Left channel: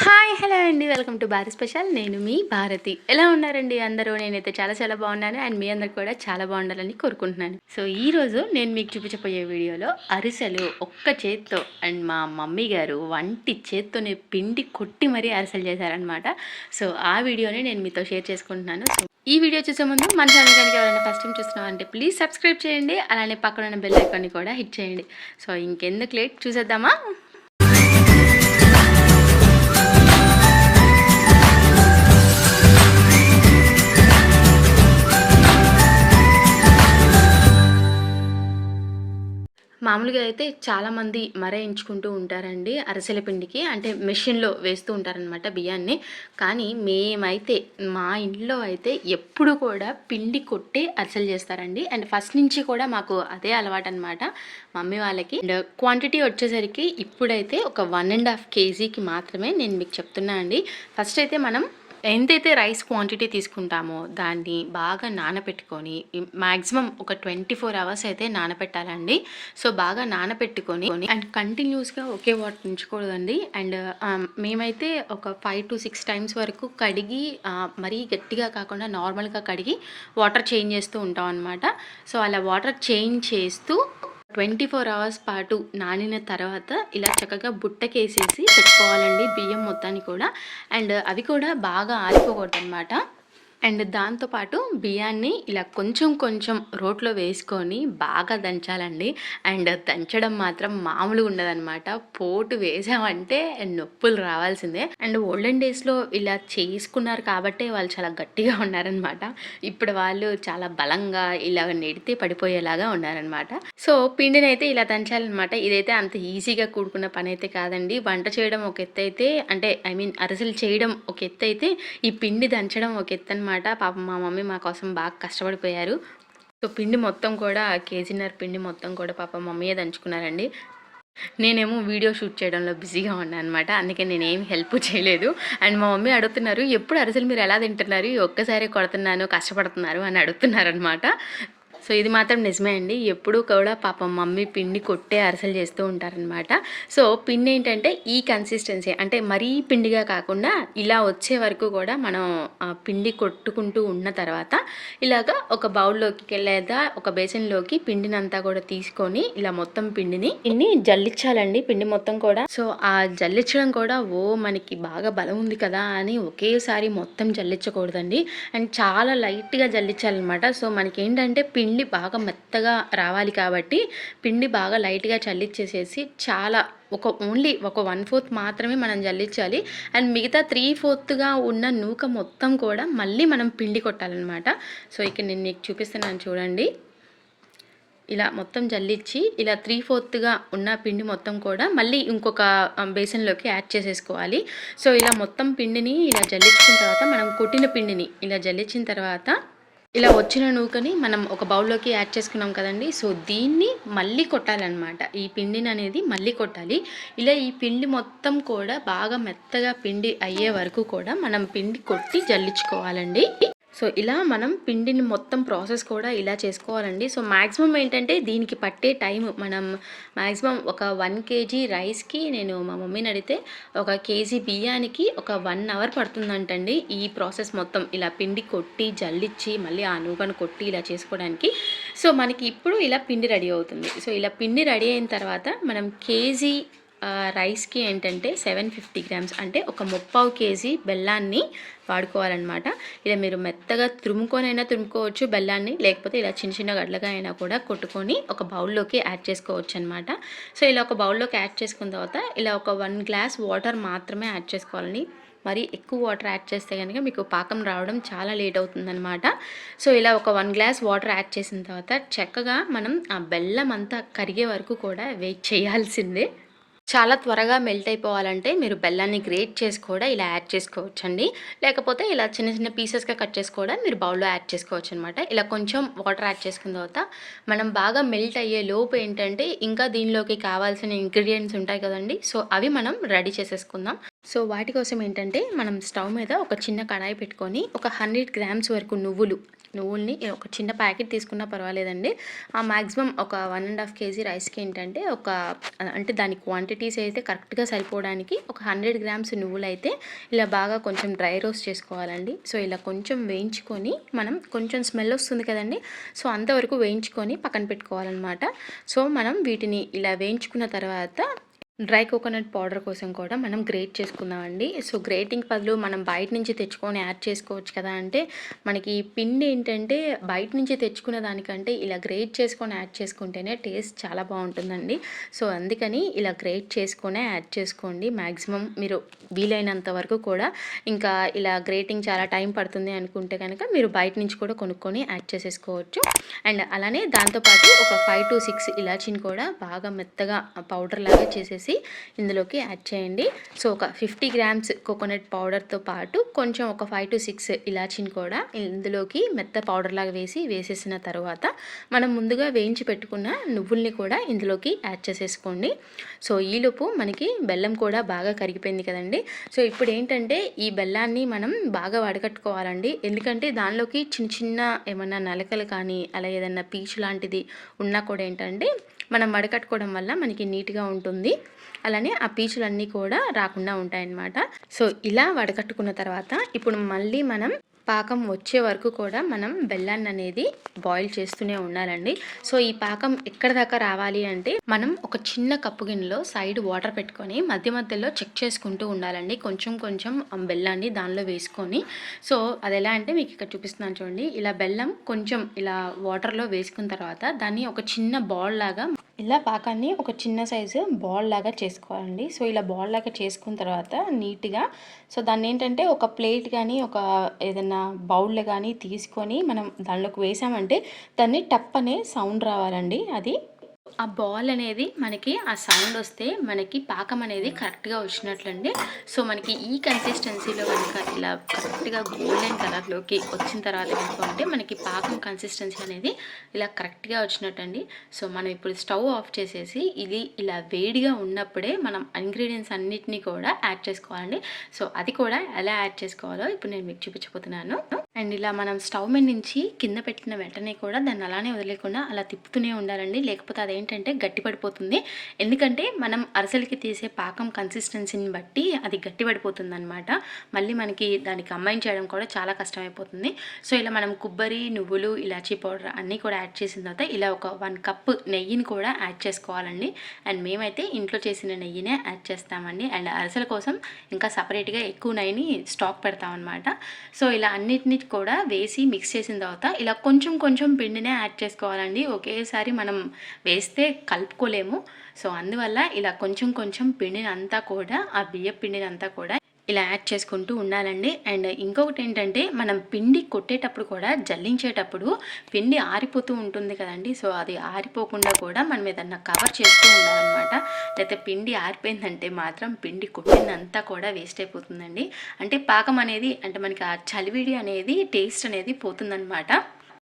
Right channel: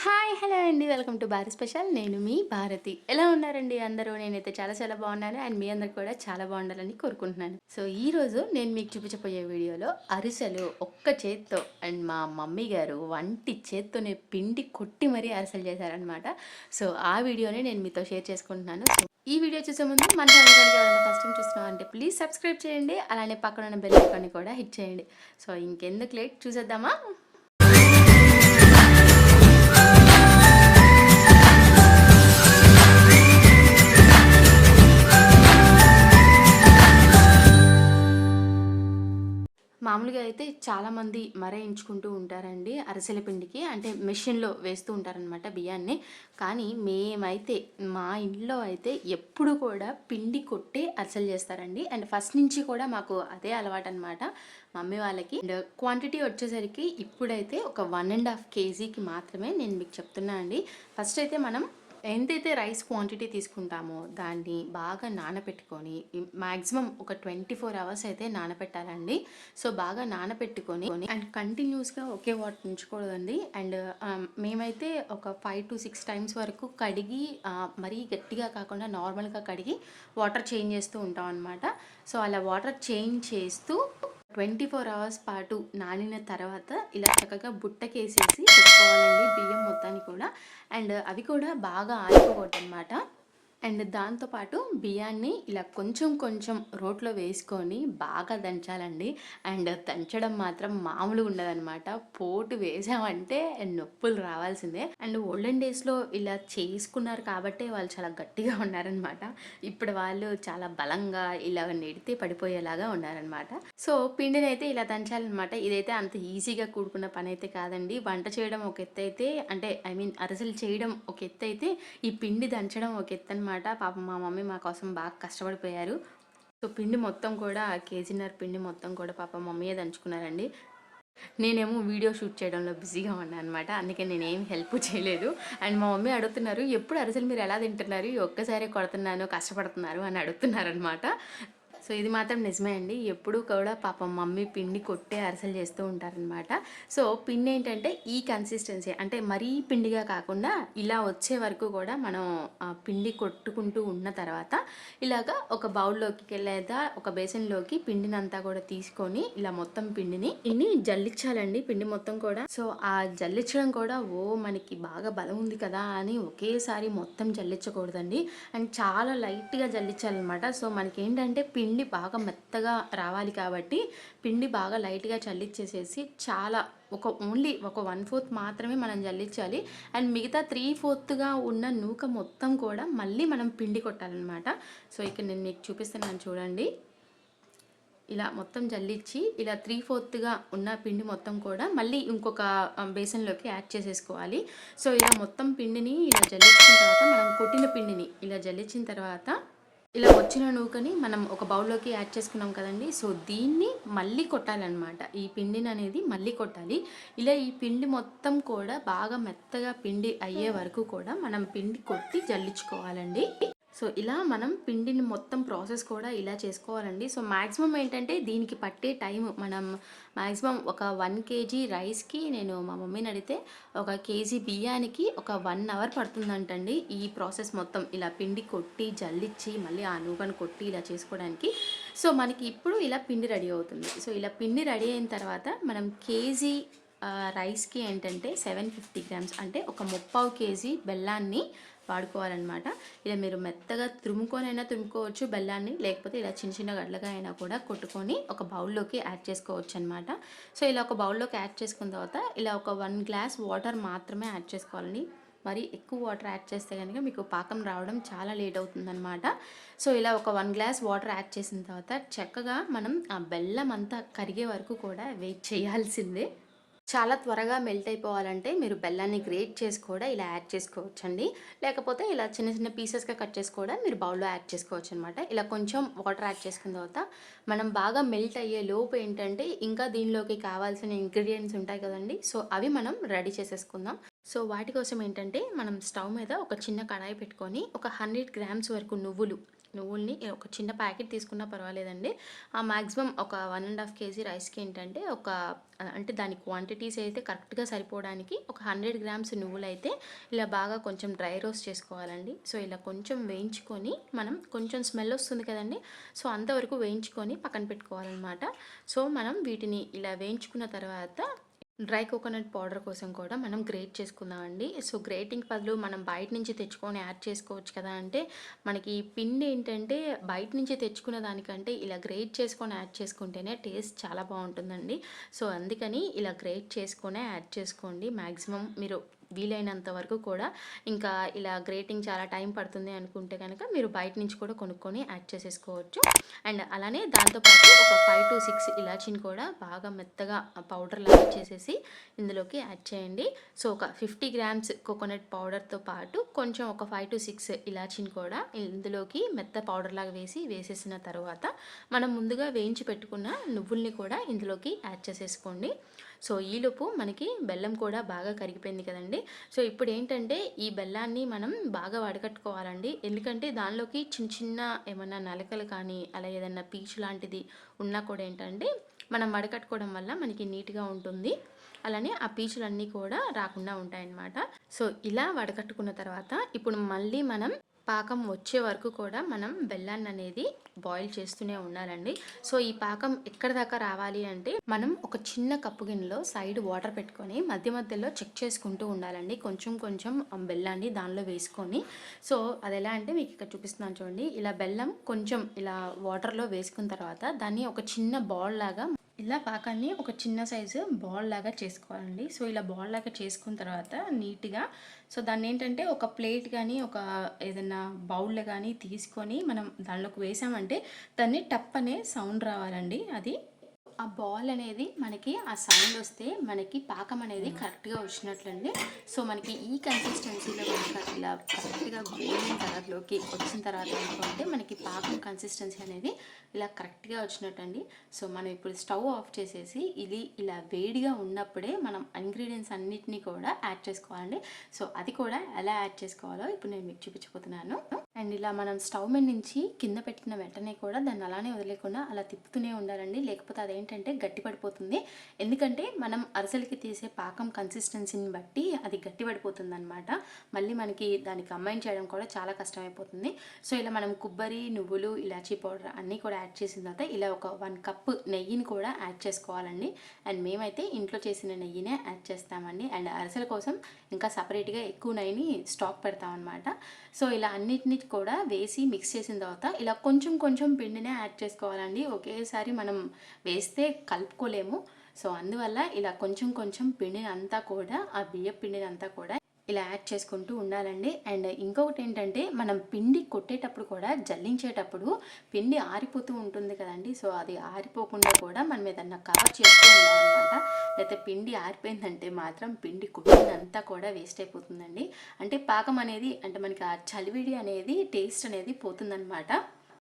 Hi hello అండి. Welcome to Bharat special. నేను మీ భారతి. ఎలా ఉన్నారండి అందరూ? నేనైతే చాలా చాలా బాగున్నాను. అండ్ మీ అందరు కూడా చాలా బాగుండాలని కోరుకుంటున్నాను. సో ఈరోజు నేను మీకు చూపించబోయే వీడియోలో అరిసెలు ఒక్క చేత్తో అండ్ మా మమ్మీ గారు వంటి చేత్తోనే పిండి కొట్టి మరీ అరిసెలు చేశారనమాట సో ఆ వీడియోని నేను మీతో షేర్ చేసుకుంటున్నాను. ఈ వీడియో చూసే ముందు మన ఛానల్ కనుక ఎవరైనా ఫస్ట్ టైం చూస్తున్నాం అంటే ప్లీజ్ సబ్స్క్రైబ్ చేయండి. అలానే పక్కన ఉన్న బెల్ ఐకాన్ని కూడా హిట్ చేయండి. సో ఇంకెందుకు లేట్? చూసేద్దామా? మామూలుగా అయితే చాలామంది మరేయించుకుంటూ ఉంటారండి అరిసెల పిండికి. అంటే మెషిన్లో వేస్తూ ఉంటారనమాట బియ్యాన్ని. కానీ మేమైతే మా ఇంట్లో అయితే ఎప్పుడు కూడా పిండి కొట్టే అరిసెలు చేస్తారండి. అండ్ ఫస్ట్ నుంచి కూడా మాకు అదే అలవాటు అనమాట మమ్మీ వాళ్ళకి. అండ్ క్వాంటిటీ వచ్చేసరికి ఇప్పుడైతే ఒక వన్ అండ్ హాఫ్ కేజీకి మాత్రమే నేను మీకు చెప్తున్నా అండి. ఫస్ట్ అయితే మనం ఎంతైతే రైస్ క్వాంటిటీ తీసుకుంటామో దాన్ని బాగా నానబెట్టుకొని మ్యాక్సిమం ఒక ట్వంటీ ఫోర్ అవర్స్ అయితే నానబెట్టాలండి సో బాగా నానబెట్టుకొని అండ్ కంటిన్యూస్గా ఒకే వాటర్ ఉంచకూడదండి. అండ్ మేమైతే ఒక ఫైవ్ టు సిక్స్ టైమ్స్ వరకు కడిగి మరీ గట్టిగా కాకుండా నార్మల్గా కడిగి వాటర్ చేంజ్ చేస్తూ ఉంటాం అనమాట సో అలా వాటర్ చేంజ్ చేస్తూ ట్వంటీ ఫోర్ అవర్స్ పాటు నానిన తర్వాత ఇలా చక్కగా బుట్టకేసేసి పెట్టుకోవాలండి బియ్యం మొత్తాన్ని కూడా. అండ్ అవి కూడా బాగా ఆరిపోకూడదు అనమాట అండ్ దాంతోపాటు బియ్యాన్ని ఇలా కొంచెం కొంచెం రోట్లో వేసుకొని బాగా దంచాలండి. అండ్ దంచడం మాత్రం మామూలుగా ఉండదన్నమాట. పోటు వేసామంటే నొప్పులు రావాల్సిందే. అండ్ ఓల్డెన్ డేస్లో ఇలా చేసుకున్నారు కాబట్టే వాళ్ళు చాలా గట్టిగా ఉన్నారనమాట ఇప్పుడు వాళ్ళు చాలా బలంగా ఇలా నెడితే పడిపోయేలాగా ఉన్నారనమాట సో పిండిని అయితే ఇలా దంచాలన్నమాట. ఇదైతే అంత ఈజీగా కూడుకున్న పని అయితే కాదండి. వంట చేయడం ఒక ఎత్తు అయితే అంటే ఐ మీన్ అరిసెలు చేయడం ఒక ఎత్తు అయితే ఈ పిండి దంచడం ఒక ఎత్తు అనమాట పాపం మా మమ్మీ మా కోసం బాగా కష్టపడిపోయారు. సో పిండి మొత్తం కూడా కేజీన్నర పిండి మొత్తం కూడా పాప మమ్మీయే దంచుకున్నారండి. నేనేమో వీడియో షూట్ చేయడంలో బిజీగా ఉన్నాను అనమాట. అందుకే నేనేం హెల్ప్ చేయలేదు. అండ్ మా మమ్మీ అడుగుతున్నారు ఎప్పుడు అరిసెలు మీరు ఎలా తింటున్నారు? ఒక్కసారి కొడుతున్నాను కష్టపడుతున్నారు అని అడుగుతున్నారు అనమాట సో ఇది మాత్రం నిజమే అండి. ఎప్పుడూ కూడా పాపం మమ్మీ పిండి కొట్టే అరిసెలు చేస్తూ ఉంటారనమాట సో పిండి ఏంటంటే ఈ కన్సిస్టెన్సీ అంటే మరీ పిండిగా కాకుండా ఇలా వచ్చే వరకు కూడా మనం పిండి కొట్టుకుంటూ ఉన్న తర్వాత ఇలాగ ఒక బౌల్లోకి లేదా ఒక బేసిన్లోకి పిండిని అంతా కూడా తీసుకొని ఇలా మొత్తం పిండిని పిండిని జల్లించాలండి పిండి మొత్తం కూడా. సో ఆ జల్లించడం కూడా ఓ మనకి బాగా బలం ఉంది కదా అని ఒకేసారి మొత్తం జల్లించకూడదండి అండ్ చాలా లైట్గా జల్లించాలన్నమాట సో మనకి ఏంటంటే పిండి పిండి బాగా మెత్తగా రావాలి కాబట్టి పిండి బాగా లైట్గా చల్లిచ్చేసేసి చాలా ఒక ఓన్లీ ఒక వన్ ఫోర్త్ మాత్రమే మనం జల్లించాలి. అండ్ మిగతా త్రీ ఫోర్త్గా ఉన్న నూక మొత్తం కూడా మళ్ళీ మనం పిండి కొట్టాలన్నమాట. సో ఇక్కడ నేను మీకు చూపిస్తున్నాను చూడండి. ఇలా మొత్తం జల్లించి ఇలా త్రీ ఫోర్త్గా ఉన్న పిండి మొత్తం కూడా మళ్ళీ ఇంకొక బేసన్లోకి యాడ్ చేసేసుకోవాలి. సో ఇలా మొత్తం పిండిని ఇలా జల్లించిన తర్వాత మనం కొట్టిన పిండిని ఇలా జల్లించిన తర్వాత ఇలా వచ్చిన నూకని మనం ఒక బౌల్లోకి యాడ్ చేసుకున్నాం కదండి. సో దీన్ని మళ్ళీ కొట్టాలన్నమాట. ఈ పిండిని అనేది మళ్ళీ కొట్టాలి. ఇలా ఈ పిండి మొత్తం కూడా బాగా మెత్తగా పిండి అయ్యే వరకు కూడా మనం పిండి కొట్టి జల్లించుకోవాలండి. సో ఇలా మనం పిండిని మొత్తం ప్రాసెస్ కూడా ఇలా చేసుకోవాలండి. సో మ్యాక్సిమం ఏంటంటే దీనికి పట్టే టైం మనం మ్యాక్సిమం ఒక వన్ కేజీ రైస్కి నేను మా మమ్మీని అడిగితే ఒక కేజీ బియ్యానికి ఒక వన్ అవర్ పడుతుందంటండి ఈ ప్రాసెస్ మొత్తం. ఇలా పిండి కొట్టి జల్లిచ్చి మళ్ళీ ఆ నూగను కొట్టి ఇలా చేసుకోవడానికి. సో మనకి ఇప్పుడు ఇలా పిండి రెడీ అవుతుంది. సో ఇలా పిండి రెడీ అయిన తర్వాత మనం కేజీ రైస్కి ఏంటంటే సెవెన్ ఫిఫ్టీ గ్రామ్స్ అంటే ఒక ముప్పావు కేజీ బెల్లాన్ని వాడుకోవాలన్నమాట. ఇలా మీరు మెత్తగా తురుముకొనైనా అయినా తురుముకోవచ్చు బెల్లాన్ని లేకపోతే ఇలా చిన్న చిన్న గడ్డలుగా అయినా కూడా కొట్టుకొని ఒక బౌల్లోకి యాడ్ చేసుకోవచ్చు అనమాట సో ఇలా ఒక బౌల్లోకి యాడ్ చేసుకున్న తర్వాత ఇలా ఒక వన్ గ్లాస్ వాటర్ మాత్రమే యాడ్ చేసుకోవాలని మరి ఎక్కువ వాటర్ యాడ్ చేస్తే కనుక మీకు పాకం రావడం చాలా లేట్ అవుతుందన్నమాట. సో ఇలా ఒక వన్ గ్లాస్ వాటర్ యాడ్ చేసిన తర్వాత చక్కగా మనం ఆ బెల్లం అంతా కరిగే వరకు కూడా వెయిట్ చేయాల్సిందే. చాలా త్వరగా మెల్ట్ అయిపోవాలంటే మీరు బెల్లాన్ని గ్రేట్ చేసి కూడా ఇలా యాడ్ చేసుకోవచ్చండి. లేకపోతే ఇలా చిన్న చిన్న పీసెస్గా కట్ చేసి కూడా మీరు బౌల్లో యాడ్ చేసుకోవచ్చు అనమాట ఇలా కొంచెం వాటర్ యాడ్ చేసుకున్న తర్వాత మనం బాగా మెల్ట్ అయ్యే లోపు ఏంటంటే ఇంకా దీనిలోకి కావాల్సిన ఇంగ్రీడియంట్స్ ఉంటాయి కదండి. సో అవి మనం రెడీ చేసేసుకుందాం. సో వాటి కోసం ఏంటంటే మనం స్టవ్ మీద ఒక చిన్న కడాయి పెట్టుకొని ఒక హండ్రెడ్ గ్రామ్స్ వరకు నువ్వులు నువ్వుల్ని ఒక చిన్న ప్యాకెట్ తీసుకున్నా పర్వాలేదండి. ఆ మ్యాక్సిమం ఒక వన్ అండ్ హాఫ్ కేజీ రైస్కి ఏంటంటే ఒక అంటే దాని క్వాంటిటీస్ అయితే కరెక్ట్గా సరిపోవడానికి ఒక హండ్రెడ్ గ్రామ్స్ నువ్వులు అయితే ఇలా బాగా కొంచెం డ్రై రోస్ట్ చేసుకోవాలండి. సో ఇలా కొంచెం వేయించుకొని మనం కొంచెం స్మెల్ వస్తుంది కదండి. సో అంతవరకు వేయించుకొని పక్కన పెట్టుకోవాలన్నమాట. సో మనం వీటిని ఇలా వేయించుకున్న తర్వాత డ్రై కోకోనట్ పౌడర్ కోసం కూడా మనం గ్రేట్ చేసుకుందామండి. సో గ్రేటింగ్ బదులు మనం బయట నుంచి తెచ్చుకొని యాడ్ చేసుకోవచ్చు కదా అంటే మనకి ఈ పిండి ఏంటంటే బయట నుంచి తెచ్చుకునే దానికంటే ఇలా గ్రేట్ చేసుకొని యాడ్ చేసుకుంటేనే టేస్ట్ చాలా బాగుంటుందండి. సో అందుకని ఇలా గ్రేట్ చేసుకునే యాడ్ చేసుకోండి. మ్యాక్సిమం మీరు వీలైనంత వరకు కూడా ఇంకా ఇలా గ్రేటింగ్ చాలా టైం పడుతుంది అనుకుంటే కనుక మీరు బయట నుంచి కూడా కొనుక్కొని యాడ్ చేసేసుకోవచ్చు. అండ్ అలానే దాంతోపాటు ఒక ఫైవ్ టు సిక్స్ ఇలాచిని కూడా బాగా మెత్తగా పౌడర్ లాగా చేసేసి ఇందులోకి యాడ్ చేయండి. సో ఒక ఫిఫ్టీ గ్రామ్స్ కోకోనట్ పౌడర్తో పాటు కొంచెం ఒక ఫైవ్ టు సిక్స్ ఇలాచిని కూడా ఇందులోకి మెత్త పౌడర్ లాగా వేసి వేసేసిన తర్వాత మనం ముందుగా వేయించి పెట్టుకున్న నువ్వుల్ని కూడా ఇందులోకి యాడ్ చేసేసుకోండి. సో ఈలోపు మనకి బెల్లం కూడా బాగా కరిగిపోయింది కదండి. సో ఇప్పుడు ఏంటంటే ఈ బెల్లాన్ని మనం బాగా వడకట్టుకోవాలండి ఎందుకంటే దానిలోకి చిన్న చిన్న ఏమన్నా నలకలు కానీ అలా ఏదన్నా పీచు లాంటిది ఉన్నా కూడా ఏంటంటే మనం వడకట్టుకోవడం వల్ల మనకి నీట్గా ఉంటుంది. అలానే ఆ పీచులన్నీ కూడా రాకుండా ఉంటాయన్నమాట. సో ఇలా వడకట్టుకున్న తర్వాత ఇప్పుడు మళ్ళీ మనం పాకం వచ్చే వరకు కూడా మనం బెల్లాన్ని అనేది బాయిల్ చేస్తూనే ఉండాలండి. సో ఈ పాకం ఎక్కడ దాకా రావాలి అంటే మనం ఒక చిన్న కప్పు గిన్నెలో సైడ్ వాటర్ పెట్టుకొని మధ్య మధ్యలో చెక్ చేసుకుంటూ ఉండాలండి. కొంచెం కొంచెం బెల్లాన్ని దానిలో వేసుకొని. సో అది ఎలా అంటే మీకు ఇక్కడ చూపిస్తున్నాను చూడండి. ఇలా బెల్లం కొంచెం ఇలా వాటర్లో వేసుకున్న తర్వాత దాన్ని ఒక చిన్న బాల్ లాగా ఇలా పాకాన్ని ఒక చిన్న సైజు బాల్ లాగా చేసుకోవాలండి. సో ఇలా బాల్ లాగా చేసుకున్న తర్వాత నీట్గా సో దాన్ని ఏంటంటే ఒక ప్లేట్ కానీ ఒక ఏదైనా బౌల్ కానీ తీసుకొని మనం దానిలోకి వేసామంటే దాన్ని టప్ అనే సౌండ్ రావాలండి. అది ఆ బాల్ అనేది మనకి ఆ సౌండ్ వస్తే మనకి పాకం అనేది కరెక్ట్గా వచ్చినట్లండి. సో మనకి ఈ కన్సిస్టెన్సీలో కనుక ఇలా కరెక్ట్గా గోల్డెన్ కలర్లోకి వచ్చిన తర్వాత కనుక ఉంటే మనకి పాకం కన్సిస్టెన్సీ అనేది ఇలా కరెక్ట్గా వచ్చినట్టండి. సో మనం ఇప్పుడు స్టవ్ ఆఫ్ చేసేసి ఇది ఇలా వేడిగా ఉన్నప్పుడే మనం ఇంగ్రీడియంట్స్ అన్నిటినీ కూడా యాడ్ చేసుకోవాలండి. సో అది కూడా ఎలా యాడ్ చేసుకోవాలో ఇప్పుడు నేను మీకు చూపించబోతున్నాను. అండ్ ఇలా మనం స్టవ్ మీద నుంచి కింద పెట్టిన వెంటనే కూడా దాన్ని అలానే వదిలేకుండా అలా తిప్పుతూనే ఉండాలండి. లేకపోతే అదేంటంటే గట్టిపడిపోతుంది ఎందుకంటే మనం అరసలకి తీసే పాకం కన్సిస్టెన్సీని బట్టి అది గట్టిపడిపోతుంది అనమాట మళ్ళీ మనకి దానికి కంబైన్ చేయడం కూడా చాలా కష్టమైపోతుంది. సో ఇలా మనం కొబ్బరి నువ్వులు ఇలాచీ పౌడర్ అన్నీ కూడా యాడ్ చేసిన తర్వాత ఇలా ఒక వన్ కప్ నెయ్యిని కూడా యాడ్ చేసుకోవాలండి. అండ్ మేమైతే ఇంట్లో చేసిన నెయ్యినే యాడ్ చేస్తామండి. అండ్ అరసల కోసం ఇంకా సపరేట్గా ఎక్కువ నెయ్యిని స్టాక్ పెడతామన్నమాట. సో ఇలా అన్నిటిని కూడా వేసి మిక్స్ చేసిన తర్వాత ఇలా కొంచెం కొంచెం పిండినే యాడ్ చేసుకోవాలండి. ఒకేసారి మనం వేస్తే కలుపుకోలేము. సో అందువల్ల ఇలా కొంచెం కొంచెం పిండిని అంతా కూడా ఆ బియ్య పిండిని అంతా కూడా ఇలా యాడ్ చేసుకుంటూ ఉండాలండి. అండ్ ఇంకొకటి ఏంటంటే మనం పిండి కొట్టేటప్పుడు కూడా జల్లించేటప్పుడు పిండి ఆరిపోతూ ఉంటుంది కదండి. సో అది ఆరిపోకుండా కూడా మనం ఏదన్నా కవర్ చేస్తూ ఉండాలన్నమాట. లేకపోతే పిండి ఆరిపోయిందంటే మాత్రం పిండి కొట్టిందంతా కూడా వేస్ట్ అయిపోతుందండి. అంటే పాకం అనేది అంటే మనకి ఆ చలివిడి అనేది టేస్ట్ అనేది పోతుందన్నమాట.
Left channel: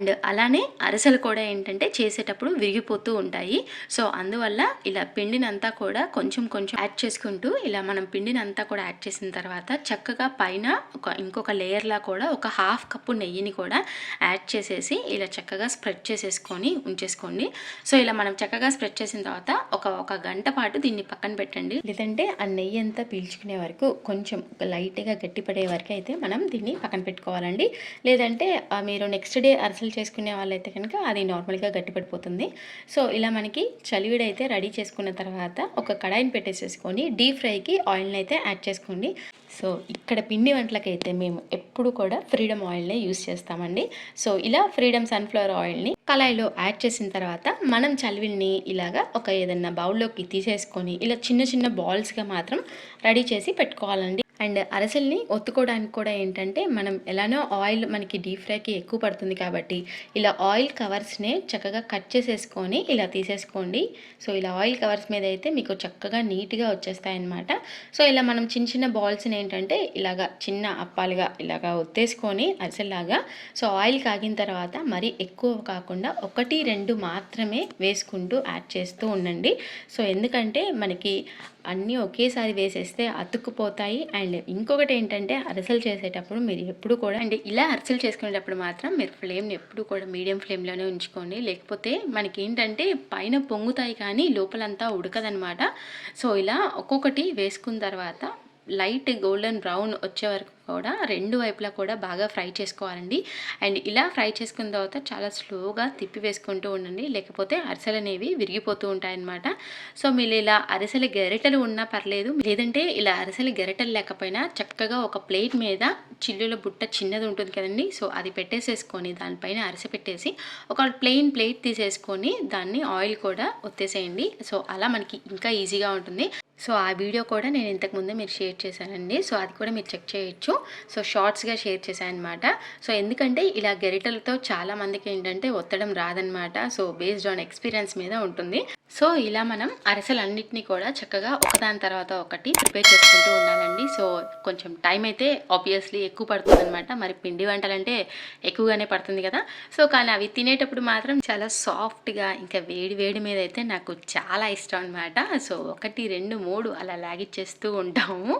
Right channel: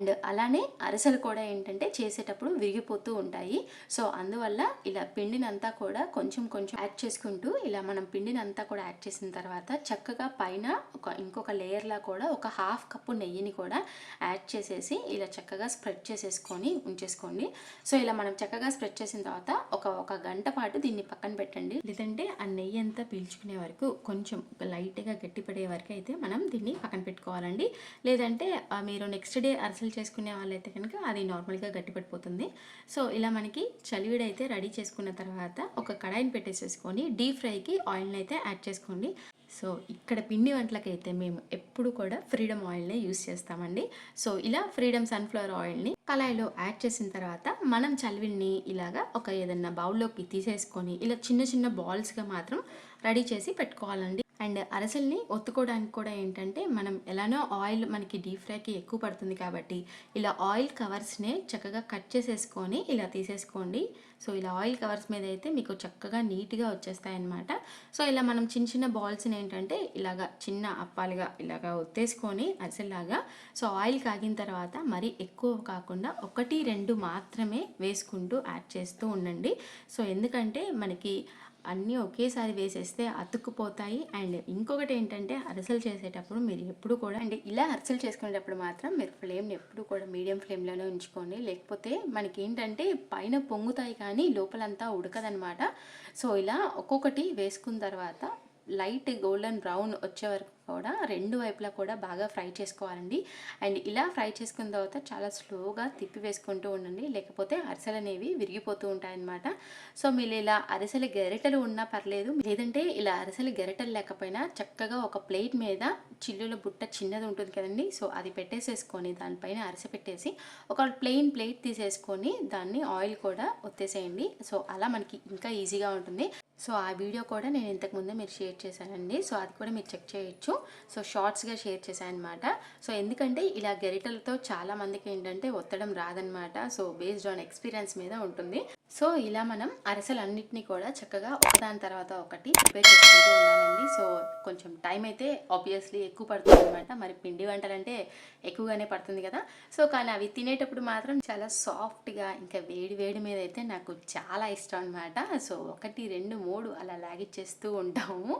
అండ్ అలానే అరసలు కూడా ఏంటంటే చేసేటప్పుడు విరిగిపోతూ ఉంటాయి. సో అందువల్ల ఇలా పిండినంతా కూడా కొంచెం కొంచెం యాడ్ చేసుకుంటూ ఇలా మనం పిండినంతా కూడా యాడ్ చేసిన తర్వాత చక్కగా పైన ఒక ఇంకొక లేయర్లా కూడా ఒక హాఫ్ కప్పు నెయ్యిని కూడా యాడ్ చేసేసి ఇలా చక్కగా స్ప్రెడ్ చేసేసుకొని ఉంచేసుకోండి. సో ఇలా మనం చక్కగా స్ప్రెడ్ చేసిన తర్వాత ఒక ఒక గంట పాటు దీన్ని పక్కన పెట్టండి. లేదంటే ఆ నెయ్యి అంతా పీల్చుకునే వరకు కొంచెం లైట్గా గట్టిపడే వరకు అయితే మనం దీన్ని పక్కన పెట్టుకోవాలండి. లేదంటే మీరు నెక్స్ట్ డే అరసలు చేసుకునే వాళ్ళైతే కనుక అది నార్మల్గా గట్టిపడిపోతుంది సో ఇలా మనకి చలివిడి అయితే రెడీ చేసుకున్న తర్వాత ఒక కడాయిని పెట్టేసేసుకొని డీప్ ఫ్రైకి ఆయిల్ని అయితే యాడ్ చేసుకోండి. సో ఇక్కడ పిండి వంటలకైతే మేము ఎప్పుడు కూడా ఫ్రీడమ్ ఆయిల్నే యూస్ చేస్తామండి. సో ఇలా ఫ్రీడమ్ సన్ఫ్లవర్ ఆయిల్ని కళాయిలో యాడ్ చేసిన తర్వాత మనం చలివిడిని ఇలాగా ఒక ఏదన్నా బౌల్లోకి తీసేసుకొని ఇలా చిన్న చిన్న బాల్స్గా మాత్రం రెడీ చేసి పెట్టుకోవాలండి. అండ్ అరసల్ని ఒత్తుకోవడానికి కూడా ఏంటంటే మనం ఎలానో ఆయిల్ మనకి డీప్ ఫ్రైకి ఎక్కువ పడుతుంది కాబట్టి ఇలా ఆయిల్ కవర్స్నే చక్కగా కట్ చేసేసుకొని ఇలా తీసేసుకోండి. సో ఇలా ఆయిల్ కవర్స్ మీద అయితే మీకు చక్కగా నీట్గా వచ్చేస్తాయి అన్నమాట సో ఇలా మనం చిన్న చిన్న బాల్స్ని ఏంటంటే ఇలాగా చిన్న అప్పాలుగా ఇలాగా ఒత్తేసుకొని అరిసెల్లాగా సో ఆయిల్ కాగిన తర్వాత మరీ ఎక్కువ కాకుండా ఒకటి రెండు మాత్రమే వేసుకుంటూ యాడ్ చేస్తూ ఉండండి. సో ఎందుకంటే మనకి అన్నీ ఒకేసారి వేసేస్తే అతుక్కుపోతాయి. అండ్ ఇంకొకటి ఏంటంటే అరిసెలు చేసేటప్పుడు మీరు ఎప్పుడు కూడా అండ్ ఇలా అరిసెలు చేసుకునేటప్పుడు మాత్రం మీరు ఫ్లేమ్ని ఎప్పుడు కూడా మీడియం ఫ్లేమ్లోనే ఉంచుకోండి. లేకపోతే మనకి ఏంటంటే పైన పొంగుతాయి కానీ లోపలంతా ఉడకదనమాట. సో ఇలా ఒక్కొక్కటి వేసుకున్న తర్వాత లైట్ గోల్డెన్ బ్రౌన్ వచ్చే వరకు కూడా రెండు వైపులా కూడా బాగా ఫ్రై చేసుకోవాలండి. అండ్ ఇలా ఫ్రై చేసుకున్న తర్వాత చాలా స్లోగా తిప్పి వేసుకుంటూ ఉండండి. లేకపోతే అరిసెలు అనేవి విరిగిపోతూ ఉంటాయన్నమాట. సో మీరు ఇలా అరిసెల గెరెటలు ఉన్నా పర్లేదు. లేదంటే ఇలా అరిసెల గెరెటలు లేకపోయినా చక్కగా ఒక ప్లేట్ మీద చిల్లుల బుట్ట చిన్నది ఉంటుంది కదండి. సో అది పెట్టేసేసుకొని దానిపైన అరిసె పెట్టేసి ఒక ప్లెయిన్ ప్లేట్ తీసేసుకొని దాన్ని ఆయిల్ కూడా ఒత్తేసేయండి. సో అలా మనకి ఇంకా ఈజీగా ఉంటుంది. సో ఆ వీడియో కూడా నేను ఇంతకుముందు మీరు షేర్ చేశానండి. సో అది కూడా మీరు చెక్ చేయొచ్చు. సో షార్ట్స్గా షేర్ చేశాను అనమాట సో ఎందుకంటే ఇలా గెరిటలతో చాలా మందికి ఏంటంటే ఒత్తడం రాదనమాట సో బేస్డ్ ఆన్ ఎక్స్పీరియన్స్ మీద ఉంటుంది. సో ఇలా మనం అరిసెలన్నింటినీ కూడా చక్కగా ఒకదాని తర్వాత ఒకటి ప్రిపేర్ చేసుకుంటూ ఉన్నానండి సో కొంచెం టైం అయితే ఆబ్వియస్లీ ఎక్కువ పడుతుంది అనమాట మరి పిండి వంటలు అంటే ఎక్కువగానే పడుతుంది కదా. సో కానీ అవి తినేటప్పుడు మాత్రం చాలా సాఫ్ట్గా ఇంకా వేడి వేడి మీద అయితే నాకు చాలా ఇష్టం అనమాట సో ఒకటి రెండు మూడు అలా లాగిచ్చేస్తూ ఉంటాము.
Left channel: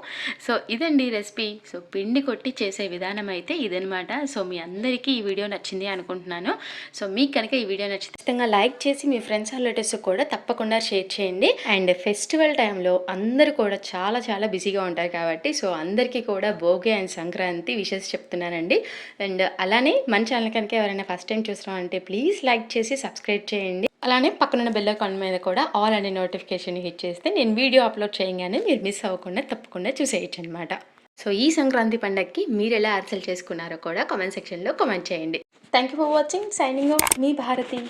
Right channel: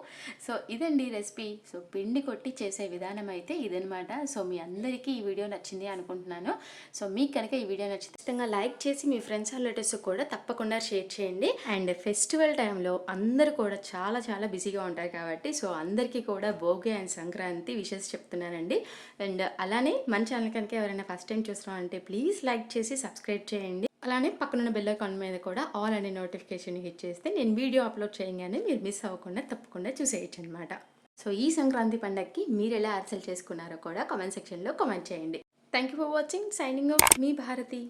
సో ఇదండి రెసిపీ. సో పిండి కొట్టి చేసే విధానం అయితే ఇదనమాట సో మీ అందరికీ ఈ వీడియో నచ్చింది అనుకుంటున్నాను. సో మీకు కనుక ఈ వీడియో నచ్చితే లైక్ చేసి మీ ఫ్రెండ్స్ రిలేటివ్స్ కూడా తప్పకుండా షేర్ చేయండి. అండ్ ఫెస్టివల్ టైంలో అందరూ కూడా చాలా చాలా బిజీగా ఉంటారు కాబట్టి సో అందరికీ కూడా భోగి అండ్ సంక్రాంతి విషెస్ చెప్తున్నానండి. అండ్ అలానే మన ఛానల్ కనుక ఎవరైనా ఫస్ట్ టైం చూస్తున్నామంటే ప్లీజ్ లైక్ చేసి సబ్స్క్రైబ్ చేయండి. అలానే పక్కనున్న బెల్ అకౌంట్ మీద కూడా ఆల్ అనే నోటిఫికేషన్ హిట్ చేస్తే నేను వీడియో అప్లోడ్ చేయగానే మీరు మిస్ అవ్వకుండా తప్పకుండా చూసేయచ్చు అనమాట సో ఈ సంక్రాంతి పండగకి మీరు ఎలా అరిసెలు చేసుకున్నారో కూడా కామెంట్ సెక్షన్లో కామెంట్ చేయండి. Thank you for watching signing off me Bharati.